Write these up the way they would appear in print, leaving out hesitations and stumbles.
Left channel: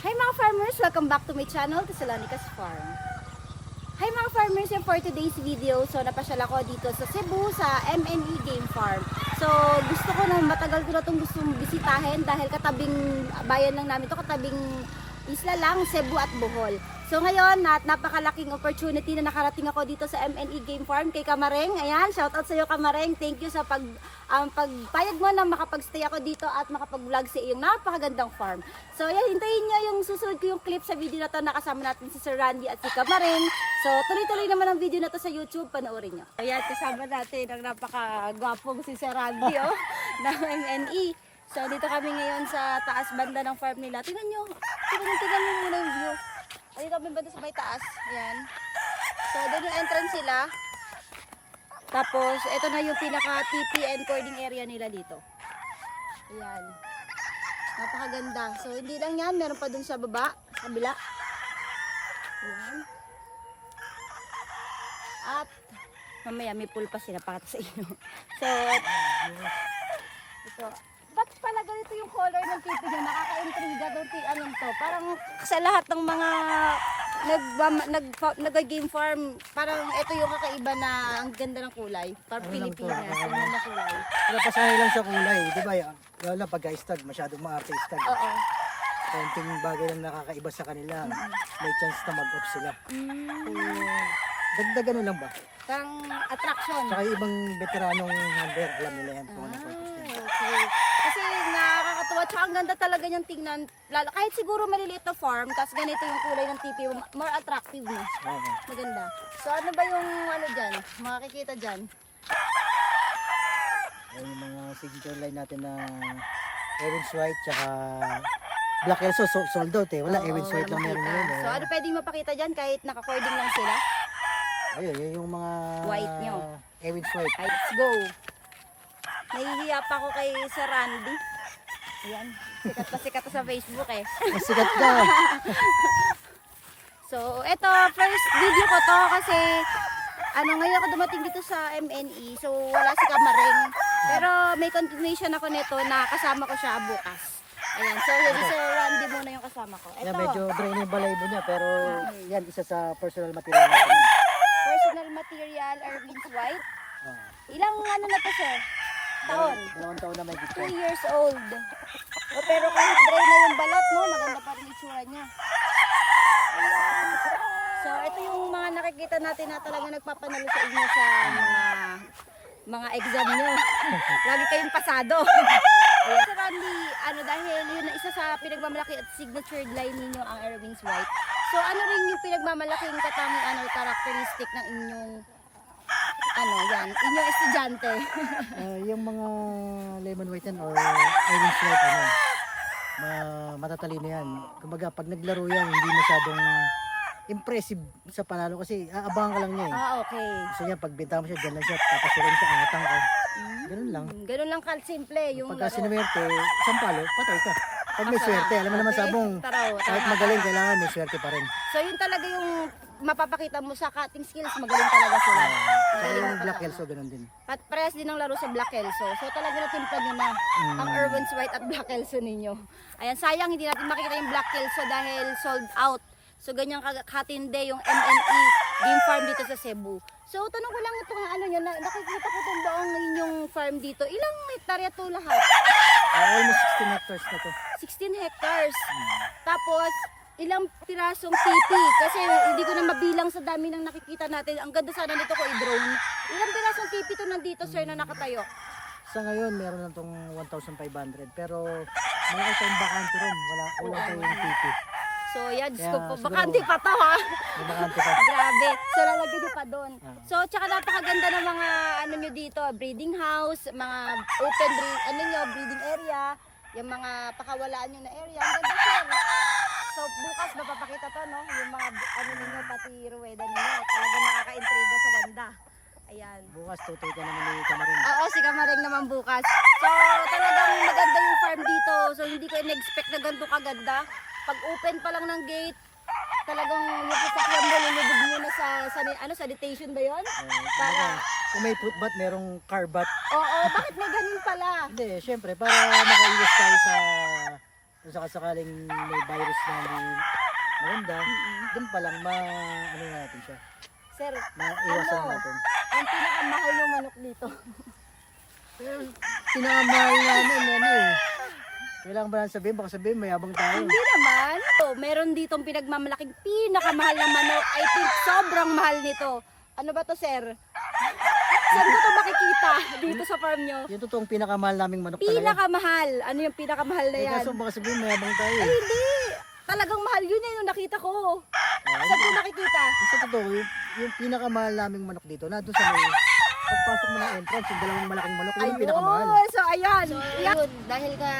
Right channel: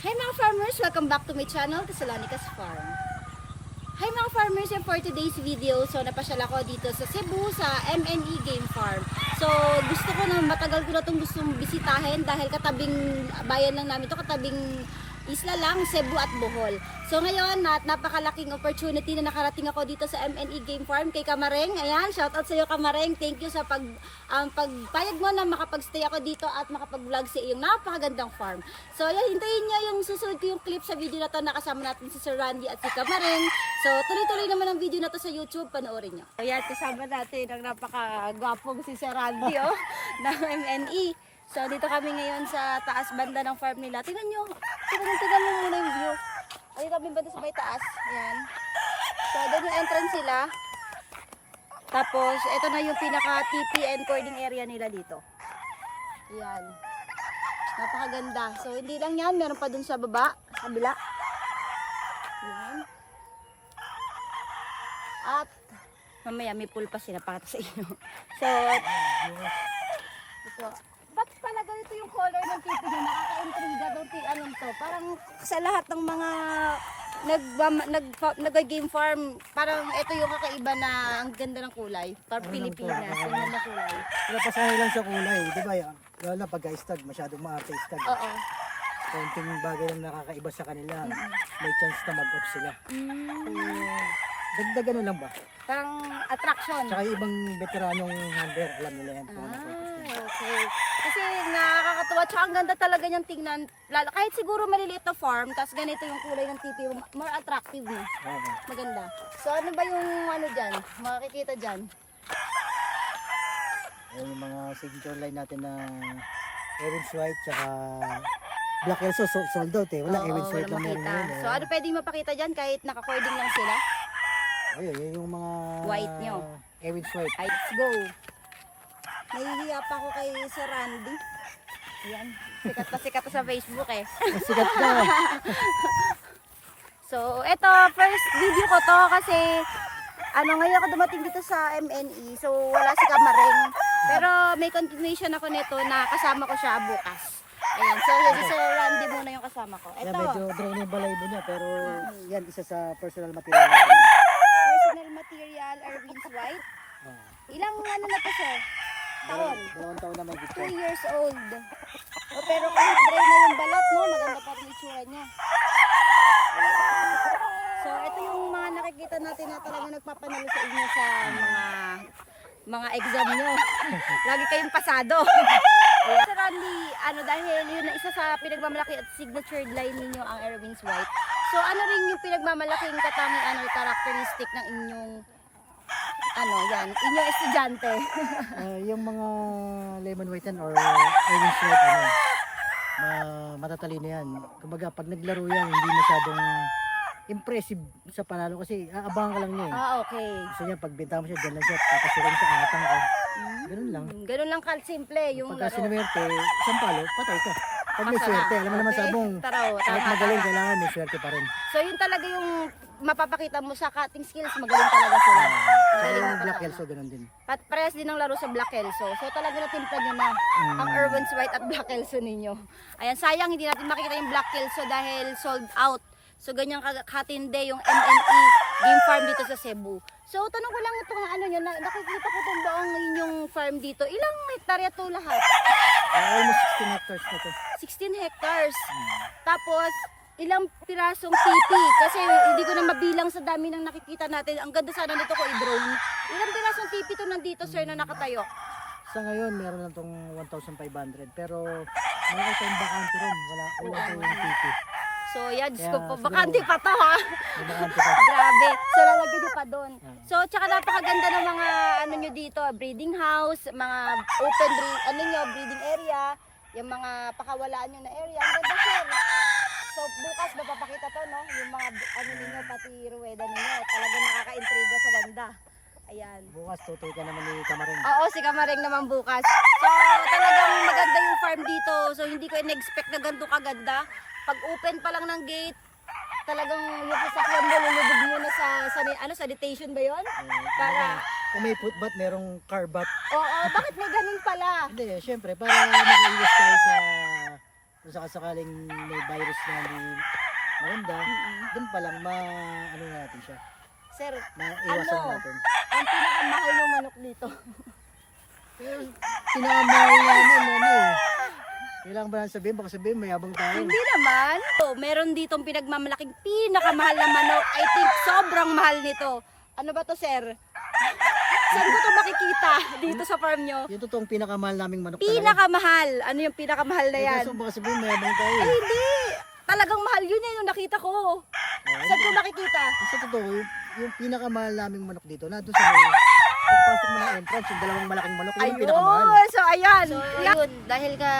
Hi mga farmers! Welcome back to my channel, Tesalonica's Farm. Hi mga farmers! And for today's video, so napasyal ako dito sa Cebu, sa MNE Game Farm. So gusto ko na, matagal ko na itong gustong bisitahin dahil katabing bayan lang namin ito, katabing isla lang, Cebu at Bohol. So ngayon, napakalaking opportunity na nakarating ako dito sa MNE Game Farm kay Kamareng. Ayan, shoutout sa iyo Kamareng. Thank you sa pagpayag mo na makapag-stay ako dito at makapag-vlog sa iyong napakagandang farm. So ayan, hintayin niyo yung susunod ko yung clip sa video na to na kasama natin si Sir Randy at si Kamareng. So tuloy-tuloy naman ang video na to sa YouTube, panoorin niyo. Ayan, kasama natin ang napakagwapong si Sir Randy ng MNE. So dito kami ngayon sa taas banda ng farm nila. Tingnan nyo muna yung view. Dito kami banda sa may taas. Ayan. So doon yung entrance sila. Tapos ito na yung pinaka TP and cording area nila dito. Ayan. Napakaganda. So hindi lang yan, meron pa dun sa baba, sa kabila. Ayan. At mamaya may pool pa sila pakita sa inyo. So ito. Ba't pala ganito yung color ng TV niya? Nakaka-intriga daw anong to. Parang sa lahat ng mga nag-game farm, parang ito yung kakaiba na ang ganda ng kulay. Parang Pilipinas, yung ganda ng kulay. Napasahay lang sa kulay, di ba? Lalo na pagka-istag, masyadong maarte istag. Oo. Konting bagay lang nakakaiba sa kanila. May chance na mag-off sila. Dagdag ano lang ba? Parang attraction. Tsaka yung ibang veteranong hunter, alam nila yan kung ano purpose nila. Okay. Kasi nakakatuwa, tsaka ang ganda talaga niyang tingnan. Lalo, kahit siguro maliliit na farm, tapos ganito yung kulay ng TV, more attractive no? Oo. Maganda. So ano ba yung ano dyan? Makikita dyan? Yan yung mga signature line natin na Evans White, tsaka Black Elso, sold out eh. Wala, Evans White lang meron yun eh. So ano pwedeng mapakita dyan kahit naka-cording lang sila? Ayun, yun yung mga White nyo. Evans White. Ay, let's go! Nahihiya pa ako kay Sir Randy. Ayan, sikat pa sa Facebook eh. Masikat ka. So, eto, first video ko to kasi ngayon ako dumating dito sa MNE. So, wala si Kamareng. Pero may continuation ako nito na kasama ko siya bukas. Ayan, so yan si Sir Randy muna yung kasama ko. Yan, Eto, medyo dry na yung balaybo niya, pero yan isa sa personal material natin. personal material, Erwin's White. Ilang ano na to sir? Taon? 2 taon na may 2 gitna. years old. Pero kahit dry na yung balat, no? Maganda pa rin yung itsura niya. Ayan. So, ito yung mga nakikita natin na talaga nagpapanalo sa inyo sa mga exam nyo. Lagi kayong pasado. Ayan. Sir Randy, dahil yun na isa sa pinagmamalaki at signature line ninyo ang Erwin's White. So, ano rin yung pinagmamalaking katangian or characteristic ng inyong inyong estudyante? Yung mga lemon white yan or Evans White, matatalino yan. Kumbaga, pag naglaro yan, hindi masyadong impressive sa panalo kasi aabangan ka lang niya eh. Okay. Gusto niya, pag binta mo siya, dyan lang siya, papasukin sa angatang ka. Ganun lang. Ganun lang simple yung Pagka laro. sinuwerte, isang palo, patay ka. Pag may Masarap. swerte, alam mo naman Okay. sabong, kahit Tama. magaling, kailangan may swerte pa rin. So yun talaga yung mapapakita mo sa cutting skills, magaling talaga sila. So Magaling yung na Black patama. Elso, ganun din. Parehas din ang laro sa Black Elso. So talaga natimpla nyo na ang Erwin's White at Black Elso ninyo. Ayan, sayang hindi natin makikita yung Black Elso dahil sold out. So ganyan katinde yung MNE Game Farm dito sa Cebu. So tanong ko lang itong nakikita ko itong buong inyong farm dito. Ilang hektarya to lahat? Almost 16 hectares na to. 16 hectares. Tapos ilang pirasong TP kasi hindi ko na mabilang sa dami ng nakikita natin. Ang ganda sana nito ko i-drone. Ilang pirasong TP to nandito sir na nakatayo? Sa ngayon, meron lang tong 1,500. Pero malaki tayong bakante ron. Wala tayong TP. So yan, Diyos Kaya, ko po. siguro- Bakante pa to ha. May bakante pa. Grabe. So lalagyan nyo pa doon. Ah. So tsaka napakaganda ng mga nyo dito, breeding house, mga open breeding area, yung mga pakawalaan nyo na area. Ang ganda sir. So bukas mapapakita to no, yung mga ninyo pati ruweda ninyo. Talagang nakaka-intriga sa ganda. Ayan. Bukas, tutoy ka naman ni Kamarin. Oo, si Kamareng naman bukas. So, talagang maganda yung farm dito. So, hindi ko in-expect na ganito kaganda. Pag open pa lang ng gate, talagang yung sasakyan mo, lulubog mo na sa detention ba yun? Para, Kung may footbath, merong car bath. oo, bakit may ganun pala? Hindi, syempre, para makaiwas tayo sa kung sakaling may virus na hindi maganda, doon pa lang ano na natin siya. Sir, Maiwasan ano? natin. ang pinakamahal ng manok dito. Pinakamahal namin, ano eh. Kailangan ba natin sabihin? Baka sabihin, mayabang tayo. Hindi naman. So, meron ditong pinagmamalaking pinakamahal na manok. I think sobrang mahal nito. Ano ba to, sir? Saan ko to makikita dito sa farm nyo? Yung totoong pinakamahal naming manok talaga. Pinakamahal. Ano yung pinakamahal na yan? Kaso baka sabihin, mayabang tayo. Ay, hindi. Talagang mahal yun eh, nung nakita ko. Saan ko nakikita? Sa totoo, yung pinakamahal naming manok dito, nandun sa may, pagpasok mo ng entrance, yung dalawang malaking manok, yun yung pinakamahal. So, ayan. So, yun. Dahil nga,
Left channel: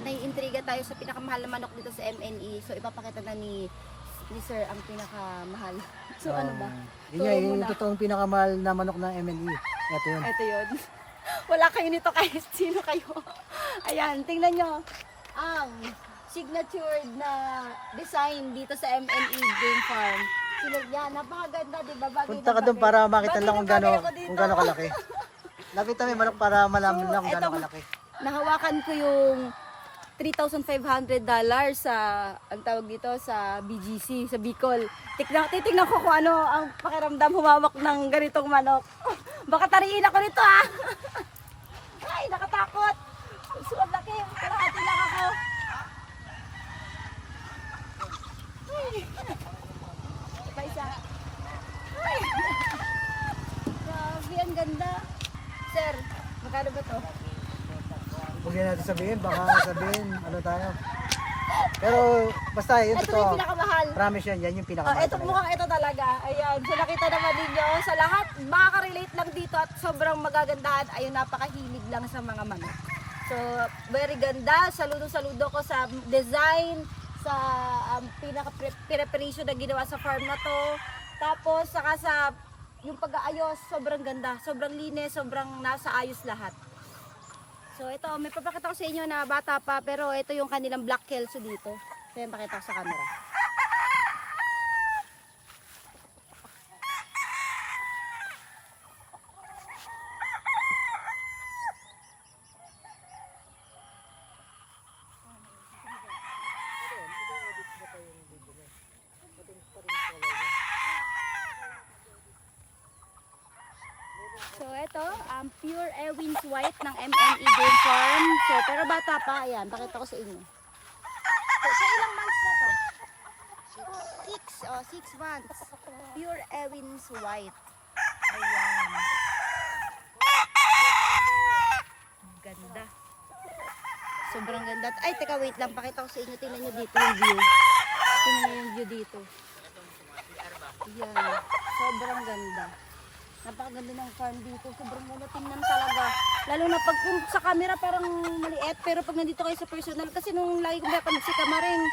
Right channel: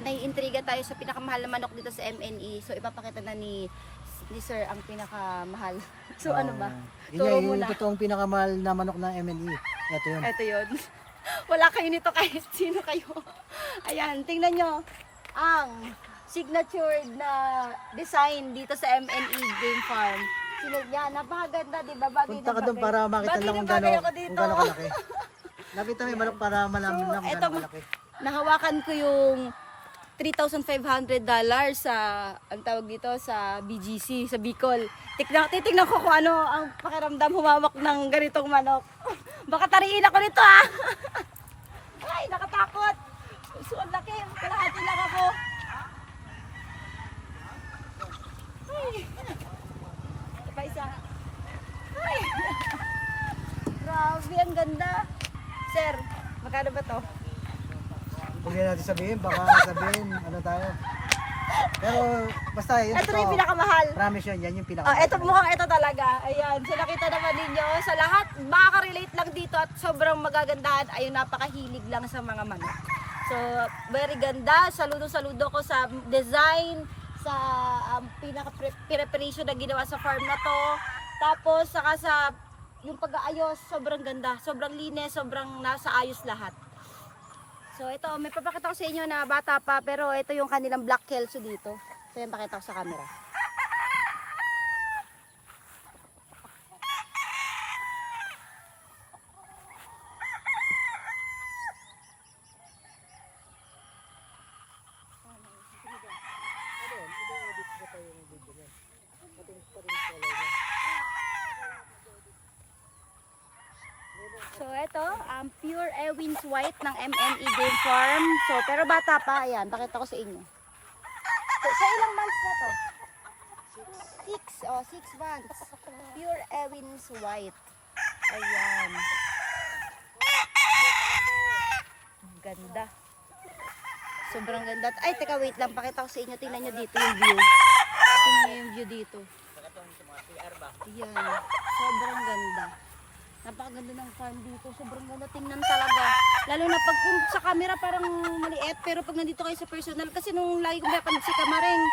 naiintriga tayo sa pinakamahal na manok dito sa MNE. So, ipapakita na ni Sir ang pinakamahal. So, ano ba? Yun Turo nga, mo yung na. totoong pinakamahal na manok ng MNE. Ito yun. Ito yun. Wala kayo nito kahit sino kayo. Ayan, tingnan nyo. Ang signature na design dito sa MNE Game Farm. Sinag niya, napakaganda, di ba? Bagay Punta ka na doon bagay. para makita Bagay lang na kung bagay gaano ako dito. kalaki. Nakita mo yung manok para malaman lang kung eto, gaano kalaki. nahawakan ko yung $3,500 sa, ang tawag dito, sa BGC, sa Bicol. Titignan ko kung ano ang pakiramdam humawak ng ganitong manok. Baka tariin ako nito ah! Ay, nakatakot! So, ang laki. Kalahati lang ako. Ay! Ito pa isa. Ay! Grabe, ang ganda. Sir, magkano ba to? Huwag yan natin sabihin, baka sabihin, ano tayo. Pero basta yun, Ito na yung pinakamahal. promise yun, yan yung Oh, pinakamahal. ito mukhang ito talaga. Ayan. So nakita naman ninyo sa lahat, makaka-relate lang dito at sobrang magagandahan. Ayun, napakahilig lang sa mga manok. So, very ganda. Saludo-saludo ko sa design, sa pinaka-preparation na ginawa sa farm na to. Tapos, saka sa yung pag-aayos, sobrang ganda. Sobrang linis, sobrang nasa ayos lahat. So, ito, may papakita ko sa inyo na bata pa, pero ito yung kanilang black kelso dito. So, yung pakita ko sa camera. So ito, pure Ewins White ng MNE Game Farm. So pero bata pa, ayan, pakita ko sa inyo. So, sa ilang months na to? 6 months. Pure Ewins White. Ayan. Ang ganda. Sobrang ganda. Ay, teka, wait lang, pakita ko sa inyo. Tingnan nyo dito yung view. Tingnan nyo yung view dito. Ayan. Sobrang ganda. Napakaganda ng farm dito. Sobrang ganda tingnan talaga. Lalo na pag sa camera parang maliit. Pero pag nandito kayo sa personal. Kasi nung lagi kong pinapanood si Kamaring,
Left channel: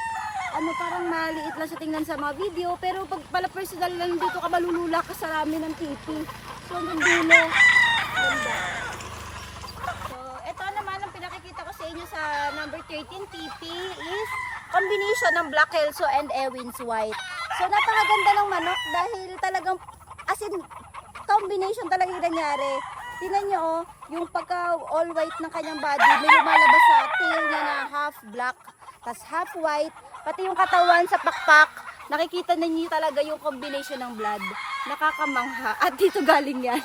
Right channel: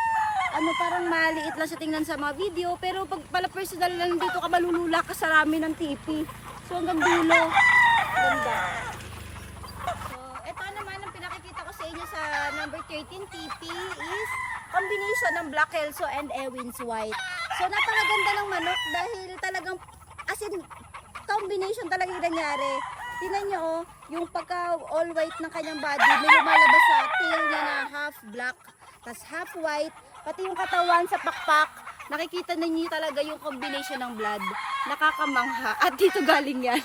parang maliit lang siya tingnan sa mga video. Pero pag pala personal lang dito ka, malulula ka sa rami ng TV. So hanggang dulo. Ganda. So ito naman ang pinakikita ko sa inyo sa number 13 TP is combination ng Black Kelso and Ewins White. So napakaganda ng manok dahil talagang as in combination talaga yung nangyari. Tingnan nyo oh, yung pagka all white ng kanyang body, may lumalabas sa tail niya na half black, tas half white, pati yung katawan sa pakpak, nakikita ninyo talaga yung combination ng blood. Nakakamangha. At dito galing yan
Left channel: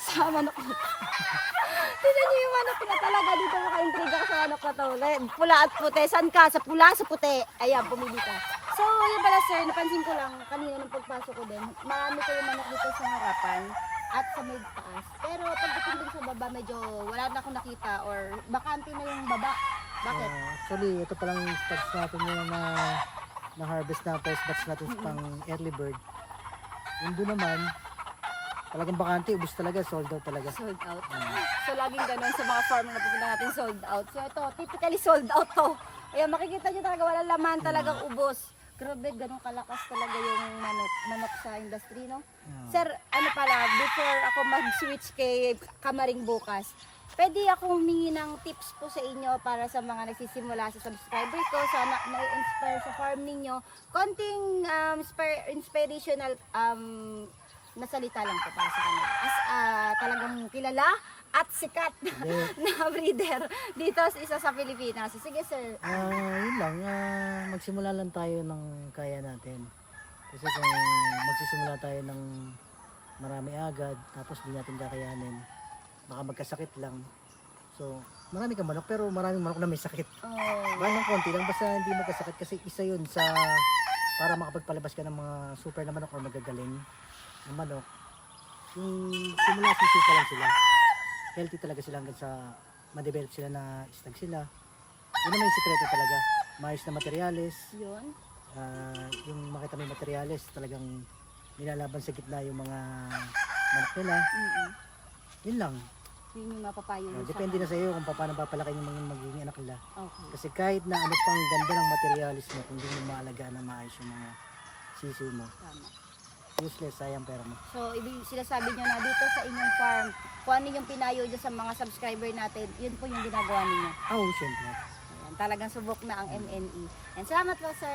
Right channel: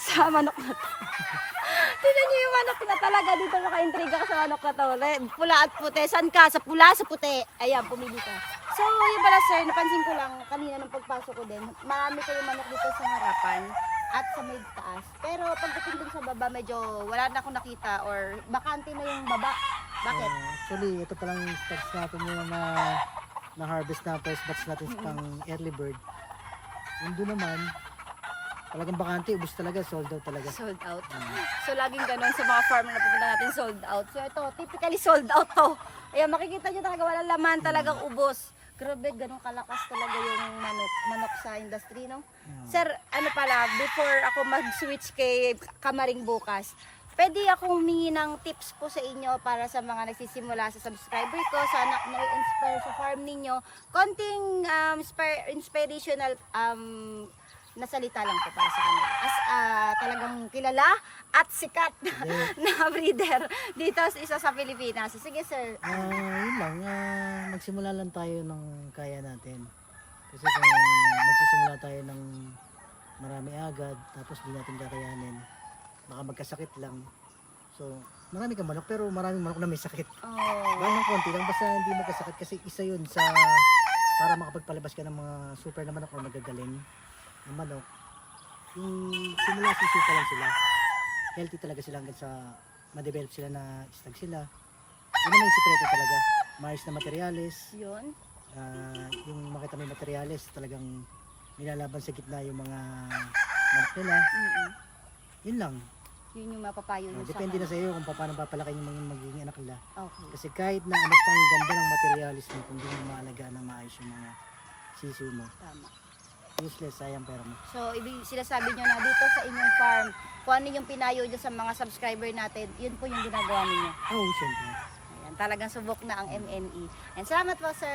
sa manok na to. Tingnan nyo yung manok na talaga dito, maka-intriga ka sa manok na to. Pula at puti. San ka? Sa pula, sa puti. Ayan, pumili ka. So, yun pala sir, napansin ko lang kanina nung pagpasok ko din, marami kayong manok dito sa harapan at sa may taas. Pero pagdating dun sa baba, medyo wala na akong nakita or bakante na yung baba. Bakit? Actually, ito palang stats natin yun na harvest na first batch natin sa pang early bird. Yung doon naman, talagang bakante, ubos talaga, sold out talaga. Sold out. So, laging ganun sa mga farmer na pupunta natin, sold out. So, ito, typically sold out to. Ayan, makikita nyo talaga, walang laman, talagang ubos. Grabe, ganun kalakas talaga yung manok sa industry, no? Sir, ano pala, before ako mag-switch kay Kamaring bukas, pwede akong humingi ng tips po sa inyo para sa mga nagsisimula sa subscriber ko, sana na-inspire sa farm ninyo. Konting inspirational nasalita lang po para sa kanila. As talagang kilala at sikat na breeder dito sa isa sa Pilipinas. Sige sir. Yun lang, magsimula lang tayo ng kaya natin. Kasi kung magsisimula tayo ng marami agad, tapos di natin kakayanin, baka magkasakit lang. So, marami kang manok, pero maraming manok na may sakit. Baka ng konti lang, basta hindi magkasakit kasi isa yun sa para makapagpalabas ka ng mga super na manok o magagaling na manok. Yung simula sisika lang sila, healthy talaga sila hanggang sa ma-develop sila na istag sila. Yun naman yung sikreto talaga. Maayos na materyales. Yun. Yung makita may materyales, talagang nilalaban sa gitna yung mga manok nila. Yun lang. Yun yung mapapayo nyo Depende na sa iyo kung paano papalaki yung mga magiging anak nila. Okay. Kasi kahit na ano pang ganda ng materialis mo, kung di mo maalagaan na maayos yung mga sisiw mo, Tama. useless, sayang pera mo. So, sinasabi nyo na dito sa inyong farm, kung ano yung pinayo nyo sa mga subscriber natin, yun po yung ginagawa ninyo. Siyempre. Ayan, talagang subok na ang MNE. And salamat po sir,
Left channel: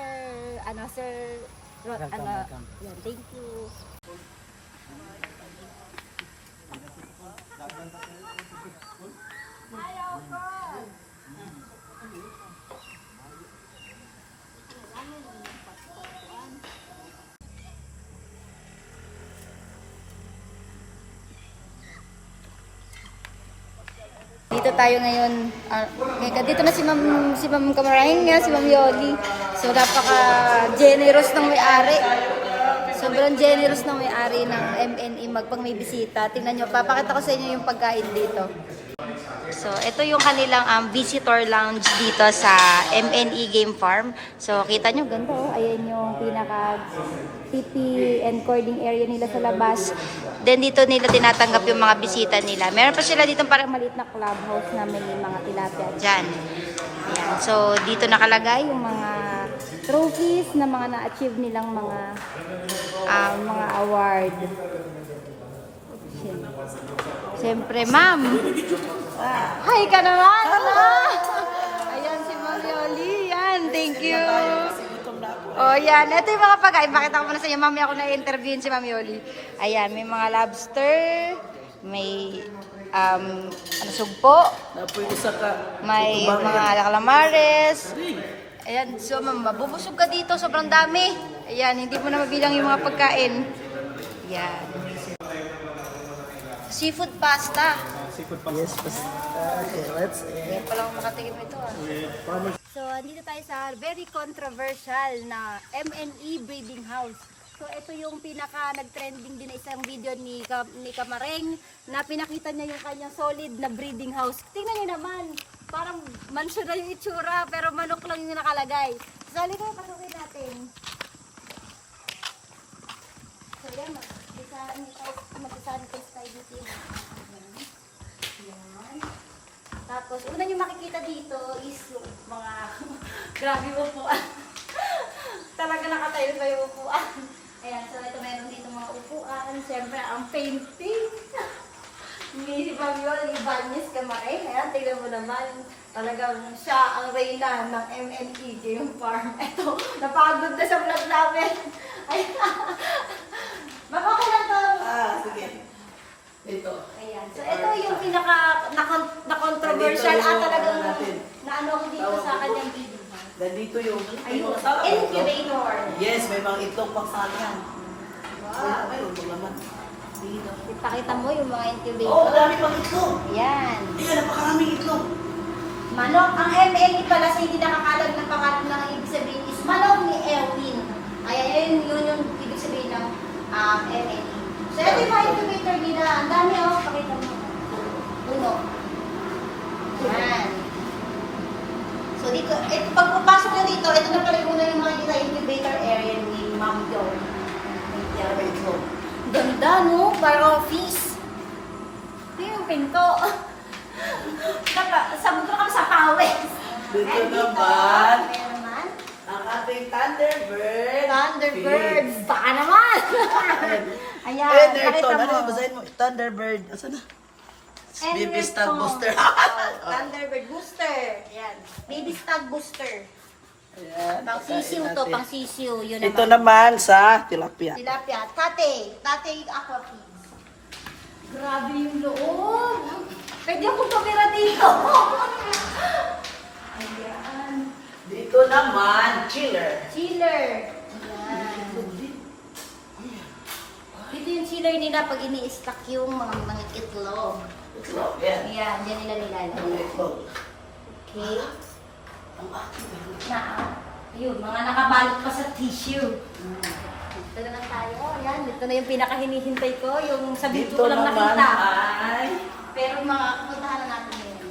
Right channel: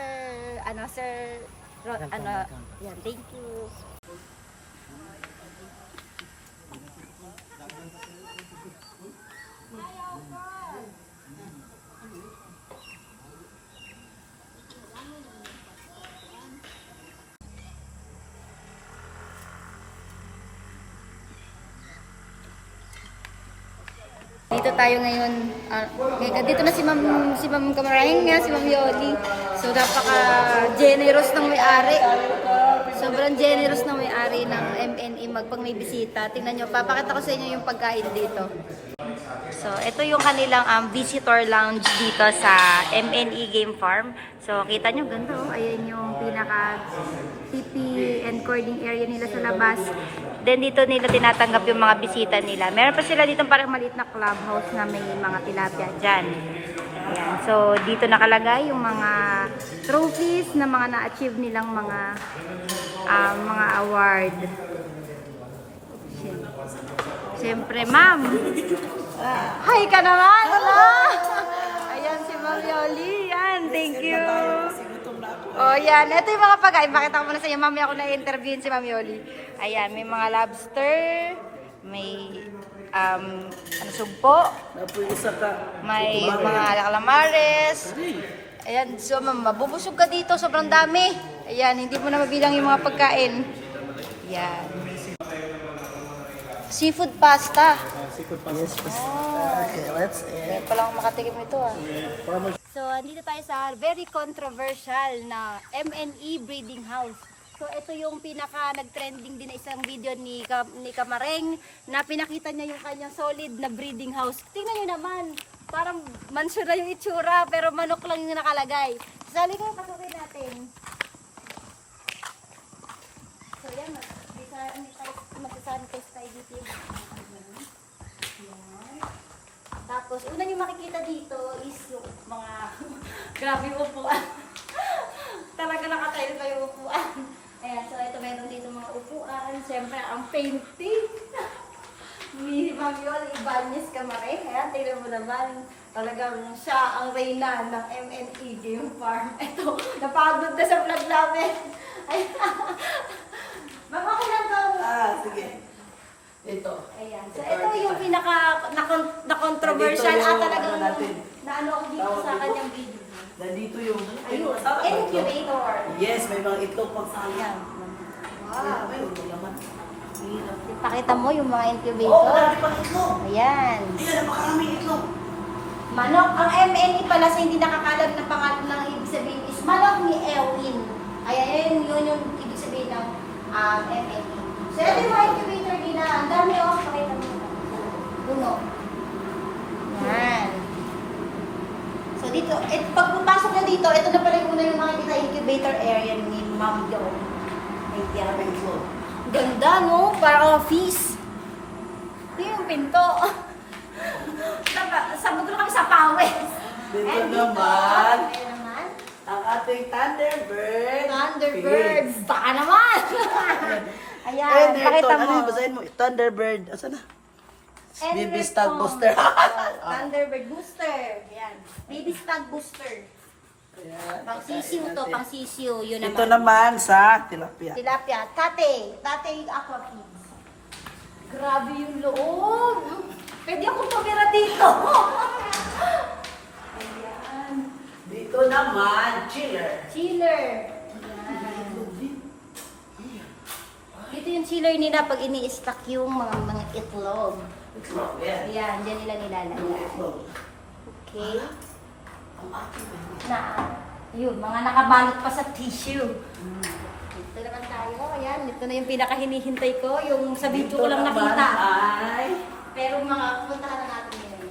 Welcome. Yan, thank you. Dito tayo ngayon, dito na si Ma'am Camarang, si Ma'am Yoli. So napaka-generous ng may-ari. Sobrang generous ng may-ari ng MNE magpang may bisita. Tingnan nyo, papakita ko sa inyo yung pagkain dito. So ito yung kanilang visitor lounge dito sa MNE Game Farm. So kita nyo, ganda oh. Ayan yung pinaka TP and cording area nila sa labas. Then dito nila tinatanggap yung mga bisita nila. Meron pa sila dito parang maliit na clubhouse na may mga tilapia dyan. Ayan. So dito nakalagay yung mga trophies na mga na-achieve nilang mga award. Siyempre, ma'am. Hi ka naman! Ayan si Ma'am Yoli. Yan, thank you. Oh, yan. Ito yung mga pagkain. Pakita ko muna sa inyo. Mamaya ako na-interviewin si Ma'am Yoli. Ayan, may mga lobster. May sugpo. May mga calamares. Ayan, so mabubusog ka dito. Sobrang dami. Ayan, hindi mo na mabilang yung mga pagkain. Ayan. Seafood pasta. Seafood pasta. Ngayon pa lang ako makatikim ito So, andito tayo sa very controversial na MNE breeding house. So, ito yung pinaka nag-trending din na isang video ni Camareng na pinakita niya yung kanyang solid na breeding house. Tingnan niyo naman, parang mansion na yung itsura pero manok lang yung nakalagay. Sali ko, pasukin natin. So, yan, mag-sanitize tayo dito. Yan. Tapos, una nyo makikita dito is yung mga grabe upuan. Talaga nakatayo pa yung upuan. Ayan, so ito meron dito mga upuan. Siyempre, ang painting. Ni Ma'am Yoli Ibanez Camareng. Ayan, tingnan mo naman. Talagang siya ang reyna ng MNE Game Farm. Ito, napagod na sa vlog namin. Ayan. Baka ko lang daw. Sige. Ito. Ayan. So, ito yung pinaka na-controversial at talagang na-ano ako dito sa kanyang video. Nandito yung Ayun, incubator. Yes, may mga itlog pang sayang. Wow. May itlog naman. Ipakita mo yung mga Oo, incubator. marami pang itlog. Ayan. Tingnan, napakaraming itlog. Manok, ang MNE pala sa hindi nakakalag ng pangalan ng ibig sabihin is manok ni Elwin. Kaya yun yung ibig sabihin ng MNE. So, ito yung mga incubator din na. Ang dami pakita mo. Puno. Yan. So, dito, pag pupasok na dito, ito na pala muna yung mga incubator area ni Ma'am Jo. Maraming itlog. Ganda, no? Parang office. Ito yung pinto. Samudro kami sa Pawes. Dito And naman, meron naman, ang ating Thunderbird. Thunderbird. Baka naman. Ayan, Enerton. pakita Ano mo. yung basahin mo? Thunderbird. Asan na? Baby Enerton. Stag Booster. Thunderbird Booster. Ayan. Baby Stag Booster. Ayan. Pang sisiw to, pang sisiw. Yun Ito naman. naman sa tilapia. Tilapia. Tate yung aqua pigs. Grabe yung loob. Pwede akong tumira dito. Ayan. Dito naman, chiller. Chiller. Ayan. Dito yung chiller nila pag ini-stack yung mga itlog. Itlog, yan. Ayan, dyan nila nilalagay. Ang itlog. Okay. Ang aking Na, yun, mga nakabalot pa sa tissue. Dito naman tayo. Ayan, ito na yung pinakahinihintay ko. Yung sa video ko lang naman nakita. ay, Pero mga puntahan na natin yun.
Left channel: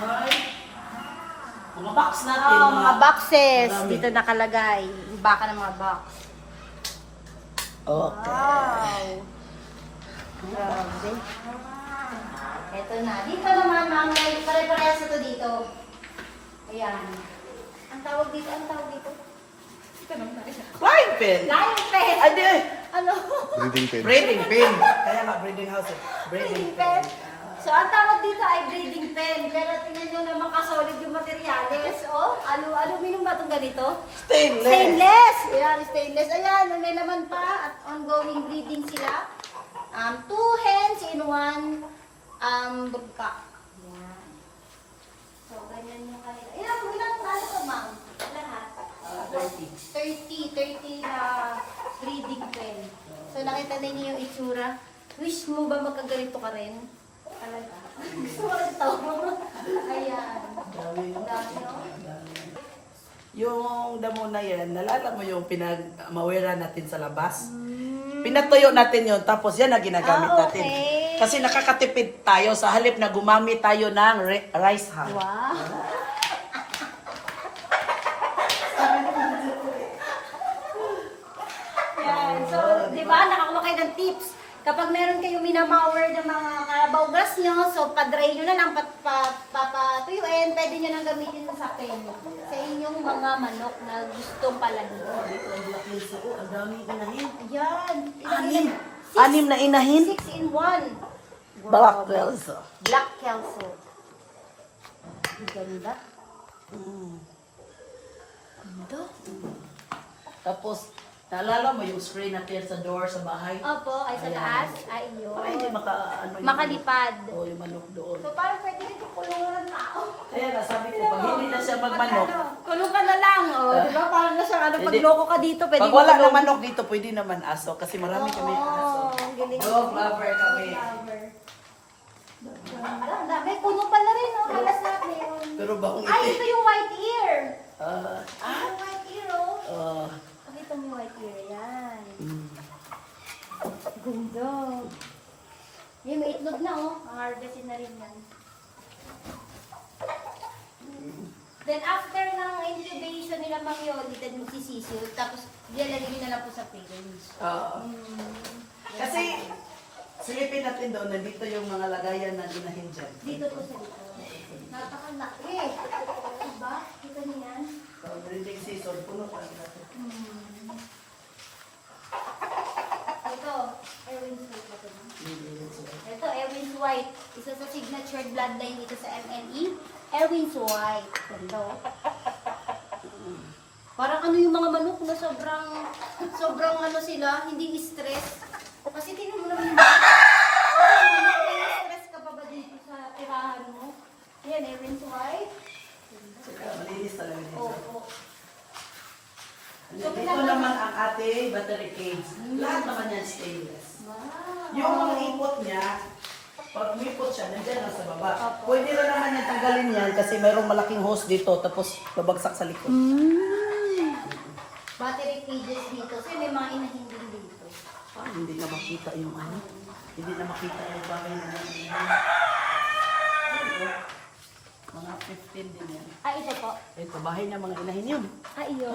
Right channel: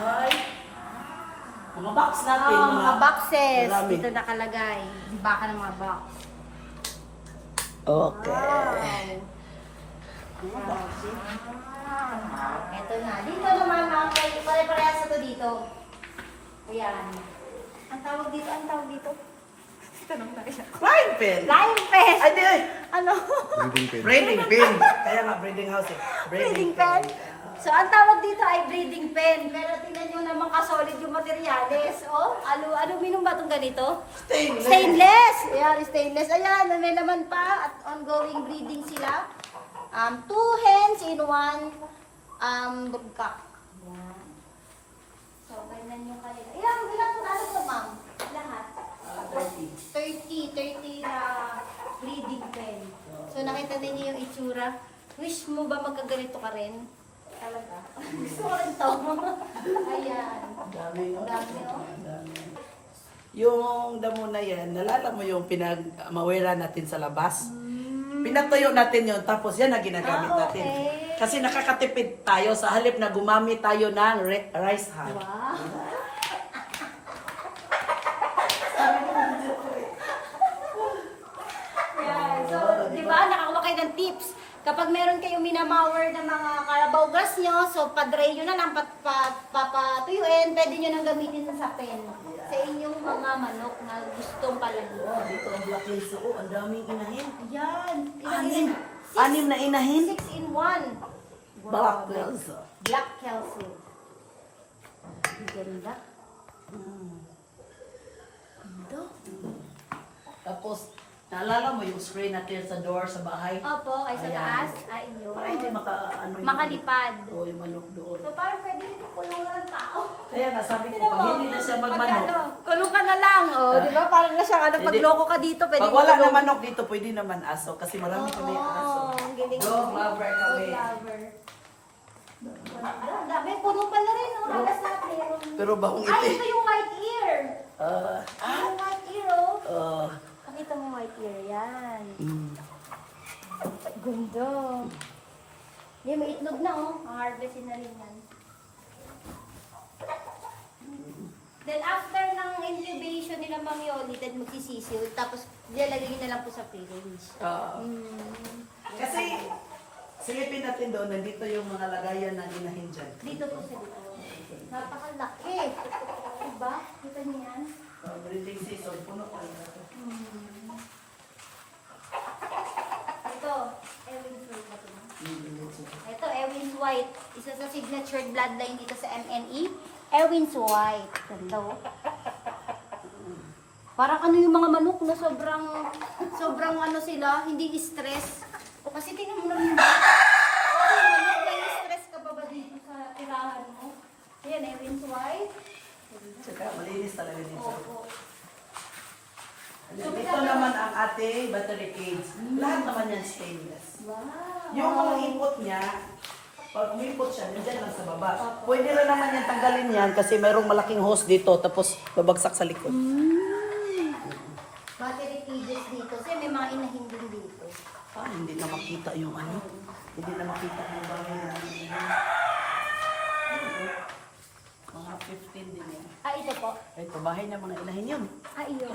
ay, mga box natin. Oh, mga boxes. Marami. Dito nakalagay. Baka ng mga box. Okay. Wow. Grabe. Ito na. Dito naman, mga pare-parehas ito dito. Ayan. Ang tawag dito, Flying pin. Lion Fest! Ade, Ano? Breathing pin. breeding pin. Kaya nga, breeding house eh. Breeding pen. So, ang tawag dito ay breeding pen. Pero tingnan nyo naman kasolid yung materyales. Oh, aluminum ba itong ganito? Stainless. Stainless! Ayan, stainless. Ayan, may laman pa at ongoing breeding sila. 2 hens in 1 bugka. Ayan. So, ganyan yung kanila. Ilang talo ito, ma'am? Lahat? 30 na breeding pen. So, nakita ninyo yung itsura. Wish mo ba magkaganito ka rin? Talaga. Gusto mo rin ito. Ayan. Ang dami, no? Yung damo na yan, nalala mo yung pinag-mawera natin sa labas? Pinatuyo natin yun, tapos yan na ginagamit natin. Okay. Kasi nakakatipid tayo sa halip na gumamit tayo ng rice hull. Wow. Yan. So, di ba, nakakuha kayo ng tips. Kapag meron kayong minamawer ng mga Carabao grass nyo, so padry nyo na lang, papatuyuin, pwede nyo nang gamitin sa pen. Sa inyong mga manok na gustong palahin. Dito ang black hills, oh, ang daming inahin. Yan. Anim na inahin. 6 in 1. Black hills. Black Kelso. Ang ganda. Ganda. Tapos, naalala mo yung spray natin sa door sa bahay? Opo, ay sa Ayan. taas. Ay, yun. Para hindi ano, yung Makalipad. Oh, yung manok doon. So, parang pwede rin yung kulungan ng tao. Kaya nga, sabi ko, pag hindi na siya magmanok, Kulong ka na lang, oh. Di ba? Parang na siyang, pag Hindi. loko ka dito, pwede pag mo wala kulong. na manok dito, pwede naman aso. Kasi marami kami aso. ang galing. Dog lover kami. Dog lover. Ang dami, puno pala rin, oh. Halas lahat meron. Pero bakong Ay, iti. ito yung white ear. Ah, Yung white ear, oh. ah, Pakita mo yung white ear, yan. mm. Ganda. Hindi, may itlog na, oh. Ang harvestin na rin yan. Then after ng incubation nila Ma'am Yoli, then magsisisiw, tapos dilalagay nyo na lang po sa fridge. Oo. Kasi, silipin natin doon, nandito yung mga lagayan na inahin dyan. Dito po sa dito. Napakalaki. Diba? Kita niyo yan? Breeding season, puno pa rin natin. Ito, Ewin's White ba ito, ma'am? Ito, Ewin's White. Isa sa signature bloodline dito sa MNE. Ewin's White. Ito. Parang ano yung mga manok na sobrang ano sila, hindi stress. Kasi tingnan mo naman ba? Sobrang manok, may stress ka pa ba dito sa tirahan mo? Yan, Ewin's White. Saka malinis talaga dito. Opo. Ito naman ang ating battery cage. Lahat naman yan stainless. Wow. Yung mga ipot niya, pag may ipot siya, nandyan lang sa baba. Pwede na naman yan tanggalin yan kasi mayroong malaking hose dito tapos babagsak sa likod. Battery cages dito. Kasi may mga inahin din dito. Ah, hindi na makita yung ano. Hindi na makita yung bagay na mga 15 din yan. Ah, ito po. Ito, bahay na mga inahin yun. Ah, iyon.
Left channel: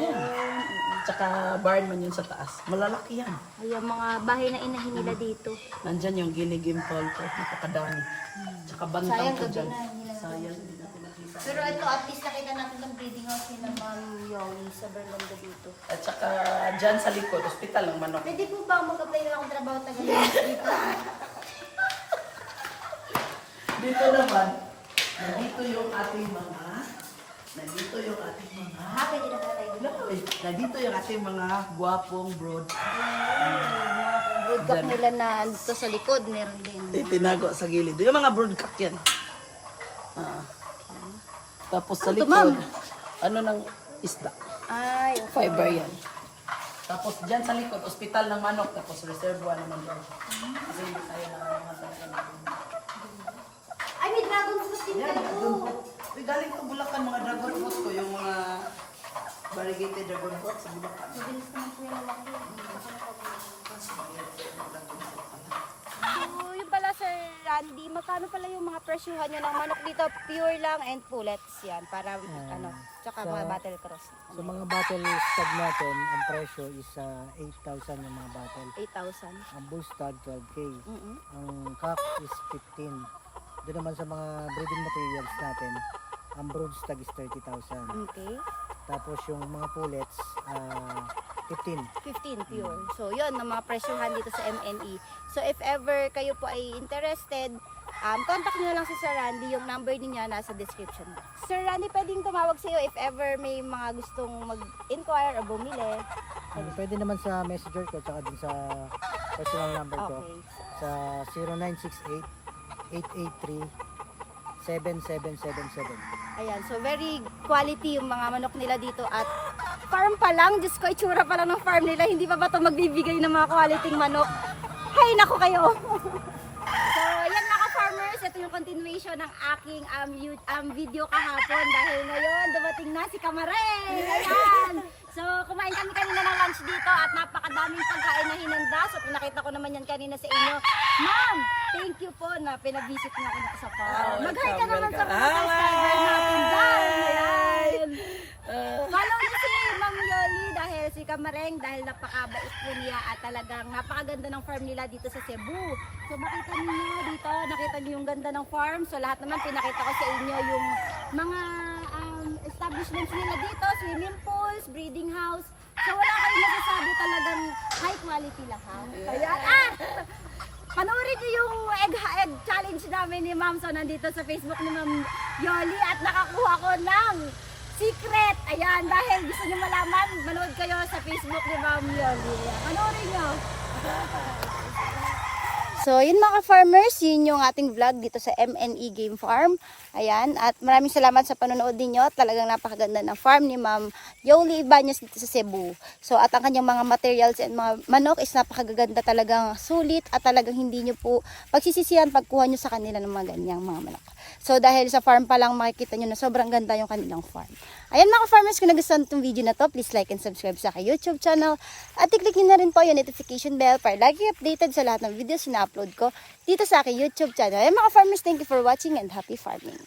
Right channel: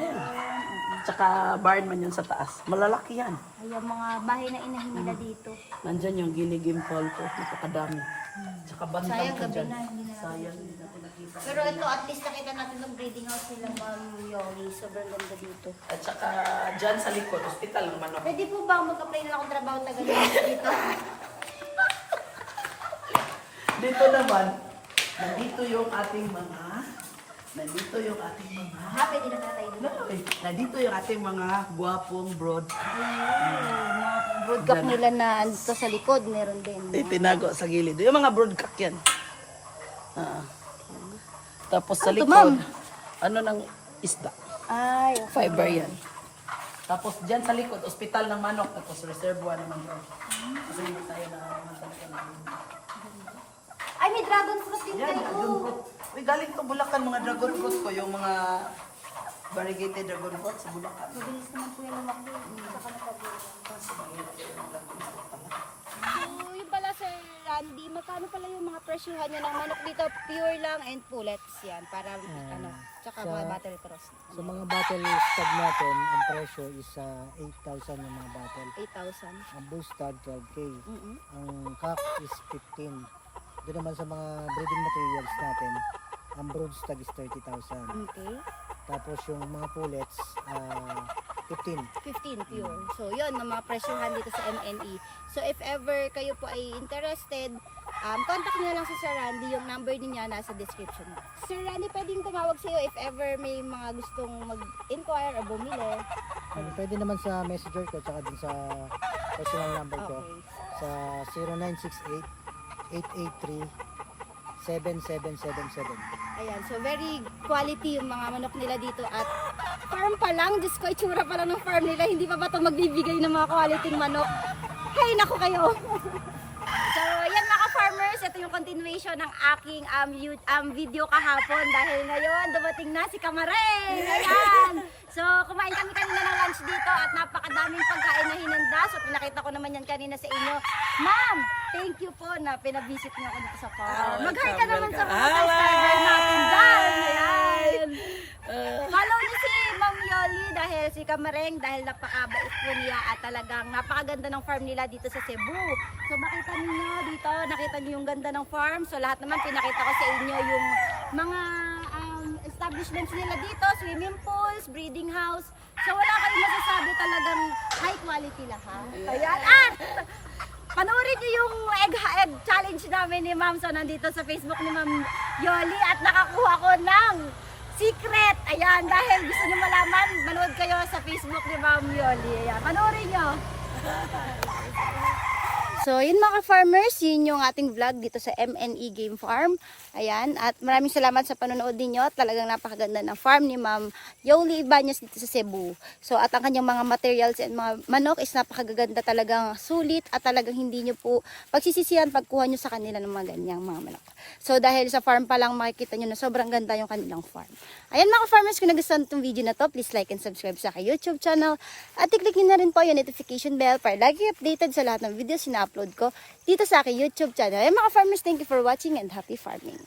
Tsaka barn man yun sa taas. Malalaki yan. Ayan, mga bahay na inahin nila dito. Nandyan yung ginigimple ko. Napakadami. Tsaka bantang Sayang, ko gabi dyan. na, hindi na natin Sayang, hindi natin nakita. Pero ito, at least nakita natin ng breeding house nila Ma'am Yoli. Sobrang ganda dito. At saka dyan sa likod, hospital ng manok. Pwede po ba mag-apply na akong trabaho taga dito? Dito naman, nandito yung ating mga Nandito yung ating mga... Pwede na tayo dito. Nandito yung ating mga gwapong broad. Mga broadcast nila na ano sa likod, meron din. Tinago sa gilid. Yung mga broadcock yan. Tapos sa Ito, likod, ma'am. ano ng isda? Ay, okay. Fiber yan. Tapos dyan sa likod, ospital ng manok. Tapos reservoir naman doon. Kasi hindi tayo nakakaman talaga ng Ay, may dragon fruit din yan, kayo. dragon fruit. Uy, galing to Bulacan mga dragon fruit ko. Yung mga variegated dragon fruit sa Bulacan. So, yung pala Sir Randy, magkano pala yung mga presyuhan nyo ng manok dito? Pure lang and pullets yan. Para ano, tsaka sa- mga battle cross. Sa mga battle stag natin, ang presyo is 8,000 yung mga battle. 8,000. Ang bull stag 12K. Mm-mm. Ang cock is 15. Doon naman sa mga breeding materials natin, ang brood stag is 30,000. Okay. Tapos yung mga pullets, 15. 15 pure. So, yun, ang mga presyuhan dito sa MNE. So, if ever kayo po ay interested, contact nyo na lang si Sir Randy. Yung number niya nasa description box. Sir Randy, pwedeng tumawag sa iyo if ever may mga gustong mag-inquire o bumili. Pwede naman sa messenger ko, tsaka din sa personal number ko, Okay. sa 0968-883-7777. Ayan, so very quality yung mga manok nila dito at farm pa lang, Diyos ko, itsura pa lang ng farm nila, hindi pa ba ito magbibigay ng mga quality manok? Hay, naku kayo! So, yan mga farmers, ito yung continuation ng aking video kahapon dahil ngayon dumating na si Kamareng! Ayan! So, kumain kami kanina ng lunch dito at napakadaming pagkain na hinanda. So, pinakita ko naman yan kanina sa inyo. Ma'am, thank you po na pinabisit niyo ako dito sa farm. Mag-hi ka naman sa mga subscribers natin dyan! Ayan! Follow niyo si Ma'am Yoli dahil si Kamareng dahil napakabait po niya at talagang napakaganda ng farm nila dito sa Cebu. So makita niyo dito, nakita niyo yung ganda ng farm. So lahat naman pinakita ko sa inyo yung mga establishments nila dito, swimming pools, breeding house. So wala kayong masasabi, talagang high quality lahat. Ayan. Panoorin niyo yung egg challenge namin ni Ma'am. So nandito sa Facebook ni Ma'am Yoli at nakakuha ko ng secret. Ayan, dahil gusto niyo malaman, manood kayo sa Facebook ni Ma'am Yoli. Ayan, panoorin niyo. So, yun mga farmers, yun yung ating vlog dito sa MNE Game Farm. Ayan, at maraming salamat sa panonood ninyo. Talagang napakaganda ng farm ni Ma'am Yoli Ibanez dito sa Cebu. So, at ang kanyang mga materials and mga manok is napakaganda, talagang sulit at talagang hindi nyo po pagsisisihan pagkuha nyo sa kanila ng mga ganyang mga manok. So, dahil sa farm pa lang makikita nyo na sobrang ganda yung kanilang farm. Ayan mga farmers, kung nagustuhan itong video na to, please like and subscribe sa aking YouTube channel. At i-click nyo na rin po yung notification bell para lagi updated sa lahat ng videos na upload ko dito sa aking YouTube channel. Ayan mga farmers, thank you for watching and happy farming.